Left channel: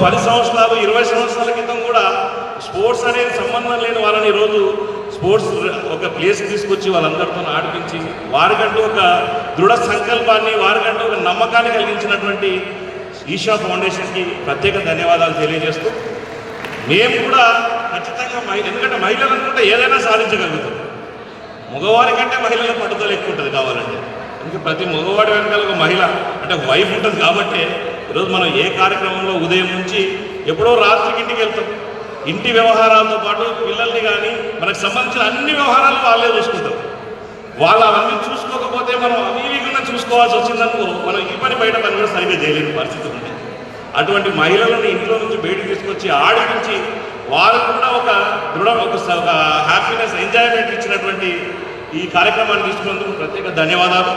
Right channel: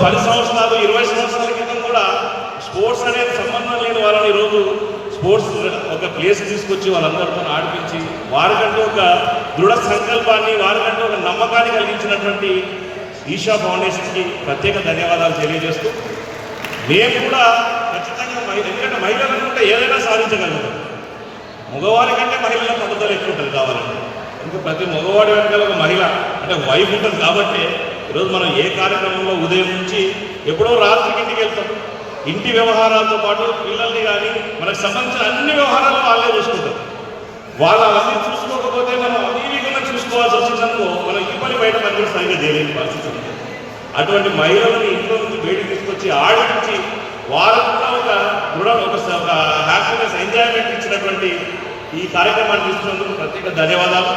పది సంవత్సరాలు ఇరవై సంవత్సరాల క్రితం కూడా స్పోర్ట్స్ అనేది సంబంధం లేని వాళ్ళని ఈరోజు స్పోర్ట్స్ ఒక ప్లేస్ తీసుకొచ్చి వాళ్ళందరితో ఆడిపించి వారికంటూ ఒక దృఢ సంకల్పాన్ని వారికంటూ ఒక నమ్మకాన్ని కలిగించినటువంటి ఈషా ఫౌండేషన్కి ప్రత్యేక ధన్యవాదాలు తెలియజేస్తూ మేము కూడా ఖచ్చితంగా ఎందుకంటే మహిళలు అనుకుంటే ఏదైనా సాధించగలుగుతాం. మగవారి కంటే మహిళల పట్టుదల ఎక్కువ ఉంటుంది కావాలంటే. ఇంకా ప్రతి మగవాడి వెనకాల ఒక మహిళ అంటే వైఫ్ ఉంటుంది కాబట్టి ఈరోజు మనం ఏ కార్యక్రమంలో ఉదయం నుంచి ఎప్పుడో రాత్రికి ఇంటికి వెళ్తారు ఇంటి వ్యవహారాలతో పాటు పిల్లల్ని కానీ మనకు సంబంధించిన అన్ని వ్యవహారాలు వాళ్ళే చూసుకుంటారు. వాళ్ళు చూసుకోకపోతే మనం అవివేకంగా చూసుకోవాల్సి వచ్చిందనుకో మనం ఈ పని బయట పని కూడా సరిగ్గా చేయలేని పరిస్థితి ఉంది అటువంటి మహిళలను ఇంట్లో నుంచి బయటకు తీసుకొచ్చి ఆడించి వాళ్ళకు కూడా ఒక దృఢం ఒక హ్యాపీనెస్ ఎంజాయ్మెంట్ ఇచ్చినటువంటి ఈ కార్యక్రమాన్ని తీసుకున్నందుకు ప్రత్యేక ధన్యవాదాలు.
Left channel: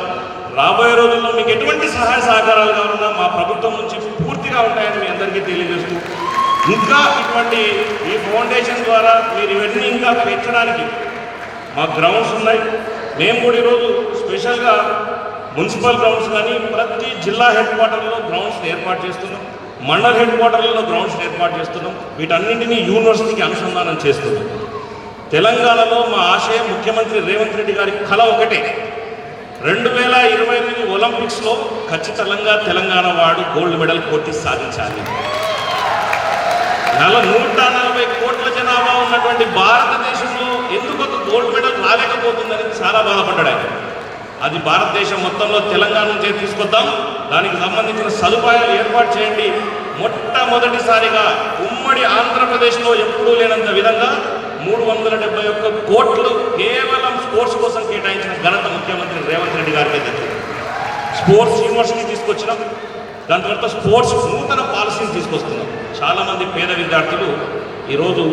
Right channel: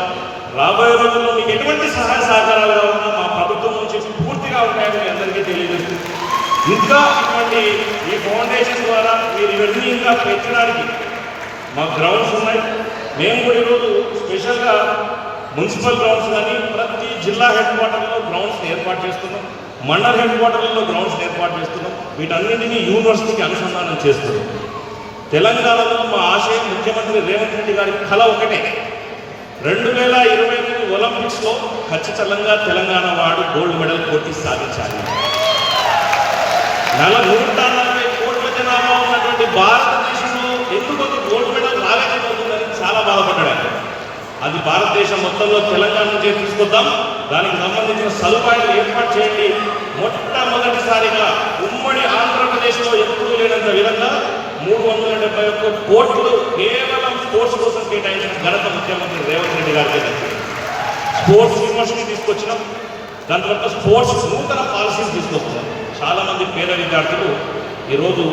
రాబోయే రోజుల్లో మీకు ఎటువంటి సహాయ సహకారాలు ఉన్నా మా ప్రభుత్వం నుంచి పూర్తిగా ఉంటాయని మీ అందరికీ తెలియజేస్తూ ఇంకా ఇటువంటి ఈ ఫౌండేషన్ ద్వారా మీరు ఇవన్నీ ఇంకా పెంచడానికి మా గ్రౌండ్స్ ఉన్నాయి. మేము కూడా ఈరోజు స్పెషల్గా మున్సిపల్ గ్రౌండ్స్ కానీ ప్రతి జిల్లా హెడ్ క్వార్టర్లో గ్రౌండ్స్ ఏర్పాటు చేస్తున్నాం. మండల హెడ్ క్వార్టర్లలో గ్రౌండ్స్ ఏర్పాటు చేస్తున్నాం. వీటన్నింటినీ యూనివర్సిటీకి అనుసంధానం చేస్తున్నాం. తెలంగాణలో మా ఆశయం ముఖ్యమంత్రి రేవంత్ రెడ్డి గారి కళ ఒకటే. రెండు వేల ఇరవై రెండు ఒలింపిక్స్లో ఖచ్చితంగా తెలంగాణ వాడు గోల్డ్ మెడల్ పోటీ సాధించాలి. నూట నలభై కోట్ల జనాభా ఉన్నటువంటి భారతదేశంలో ఎందుకు ఒక గోల్డ్ మెడల్ రాలేకపోతుందని చాలా బాధపడ్డాడు ఆయన. అది భారతదేశం మొత్తంలో తెలంగాణ నుంచి తీసుకొద్దాం. దానికి సంబంధించిన సదుపాయాలు ఏర్పాటు చేయండి. మొట్టమొదటిసారిగా ఉమ్మడి ఆంధ్రప్రదేశ్లో ఎప్పుడూ లేనంత విధంగా మూడు వందల డెబ్బై ఒక్క కోట్లు కేవలం స్పోర్ట్స్ కోసం కేటాయించిన ఘనత ముఖ్యమంత్రి రేవంత్ రెడ్డి గారికి స్పోర్ట్స్ యూనివర్సిటీ తీసుకొచ్చినాం. దాని తర్వాత స్పోర్ట్స్ నూతన పాలసీ పేద విద్యార్థులు ఈరోజు